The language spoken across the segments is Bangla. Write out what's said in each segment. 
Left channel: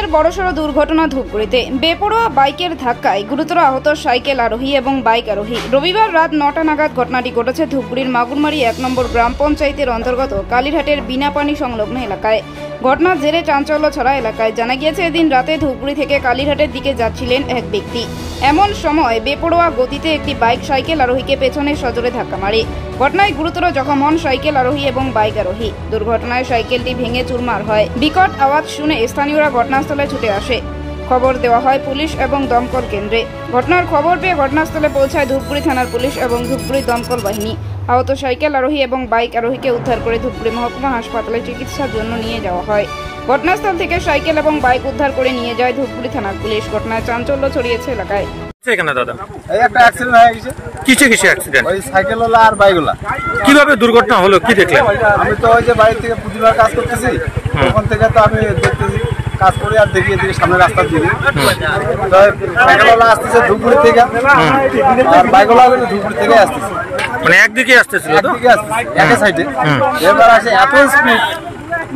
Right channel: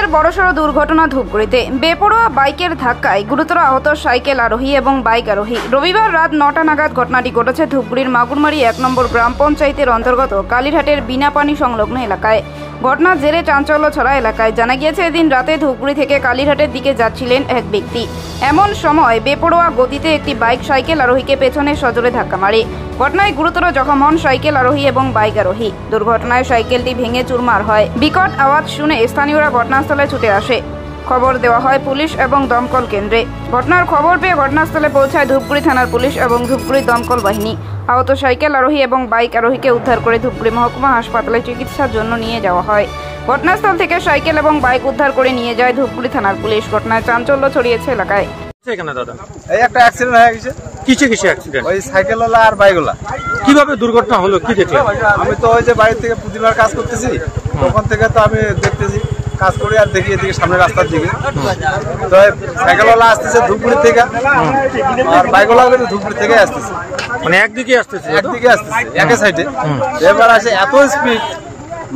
ফের বড়সড় দুর্ঘটনা ধূপগুড়িতে। বেপরোয়া বাইকের ধাক্কায় গুরুতর আহত সাইকেল আরোহী এবং বাইক আরোহী। রবিবার রাত 9টা নাগাদ ঘটনাটি ঘটেছে ধূপগুড়ির মাগুরমারি 1 নম্বর গ্রাম পঞ্চায়েতের অন্তর্গত কালীরহাটের বিনাপানি সংলগ্ন এলাকায়। ঘটনার জেরে চাঞ্চল্য ছড়া এলাকায়। জানা গিয়েছে, এদিন রাতে ধূপগুড়ি থেকে কালীরহাটের দিকে যাচ্ছিলেন এক ব্যক্তি। এমন সময় বেপরোয়া গতিতে একটি বাইক সাইকেল আরোহীকে পেছনে সজোরে ধাক্কা মারে। ঘটনায় গুরুতর জখম হন সাইকেল আরোহী এবং বাইক আরোহী। দুর্ঘটনায় সাইকেলটি ভেঙে চুরমার হয়। বিকট আওয়াজ শুনে স্থানীয়রা ঘটনাস্থলে ছুটে আসে। খবর দেওয়া হয় পুলিশ এবং দমকল কেন্দ্রে। ঘটনার খবর পেয়ে ঘটনাস্থলে পৌঁছায় ধূপগুড়ি থানার পুলিশ এবং ধূপগুড়ি দমকল বাহিনী। আহত সাইকেল আরোহী এবং বাইক আরোহীকে উদ্ধার করে ধূপগুড়ি মহকুমা হাসপাতালে চিকিৎসার জন্য নিয়ে যাওয়া হয়। ঘটনাস্থল থেকে সাইকেল এবং বাইক উদ্ধার করে নিয়ে যায় ধূপগুড়ি থানার পুলিশ। ঘটনায় চাঞ্চল্য ছড়িয়েছে এলাকায়। এখানে দাদা এই একটা অ্যাক্সিডেন্ট হয়ে গেছে। কিসে অ্যাক্সিডেন্ট? ওই সাইকেলওয়ালা আর বাইকওয়ালা। কিভাবে দুর্ঘটনা হলো, কি দেখলেন? আমি তো ওই যে বাড়ি থেকে প্রতিবার কাজ করতেছি, তখন থেকে তো আমি দেখতেছি, কাজ করি আর দেখি এদিকে সামনে রাস্তার দিকে তো সাইকেলওয়ালা আসতেছে ধূপগুড়ি থেকে, আর বাইকওয়ালা ধূপগুড়ি থেকে আসতেছে, মানে একদিকে আসতেছে একই সাইডে। এবার আসে এত স্পিড,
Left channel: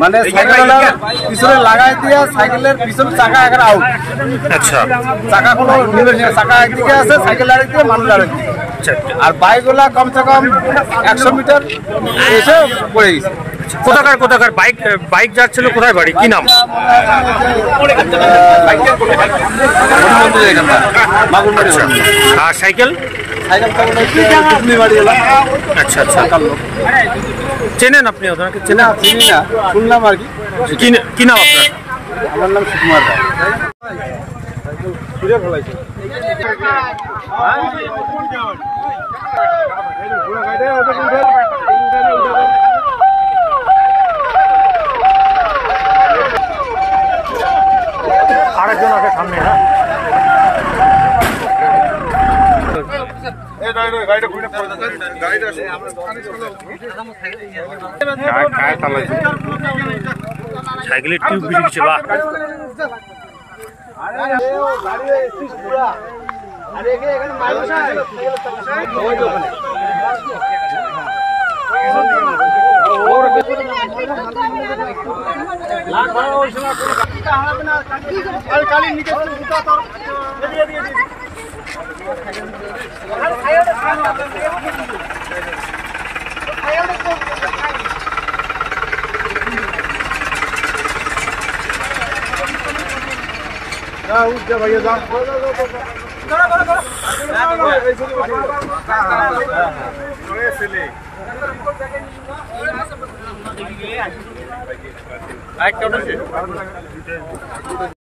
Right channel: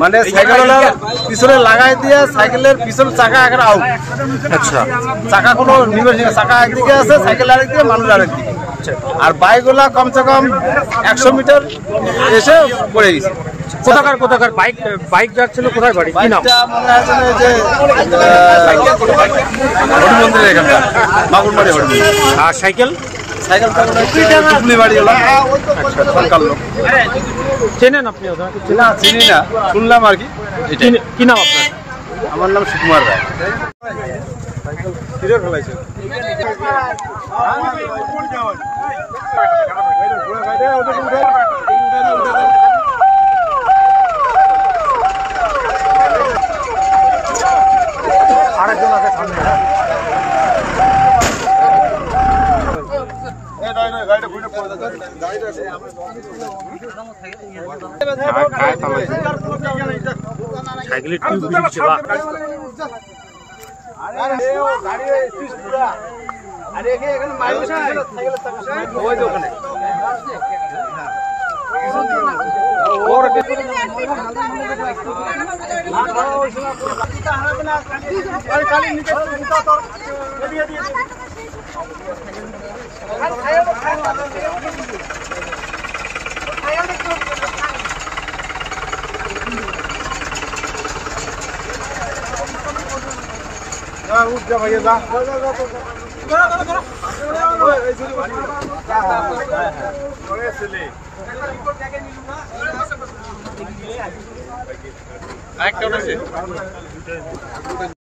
মানে সাইকেলওয়ালা পিছনে লাগাই দিয়ে সাইকেলের পিছনে চাকা এখন আউট। আচ্ছা, চাকা কোনো চাকা একদিকে আছে, সাইকেল আরেকদিকে, মানুষ আরেকদিকে। আর বাইকগুলা কমসে কম 100 মিটার এসে পড়ে গেছে। কোথাকার বাইক যাচ্ছিল, কোথায় বাড়ি, কি নাম? আর সাইকেল বাড়ি এলাম। আচ্ছা, চেনেন আপনি ওনাকে? চিনি না, শুনলাম আর কি। কি নাম আপনার? আমার নাম সুকুমার রায়। আরেকজন আছে সামনে। সাইকেলের টিউব বেশি কিছু বা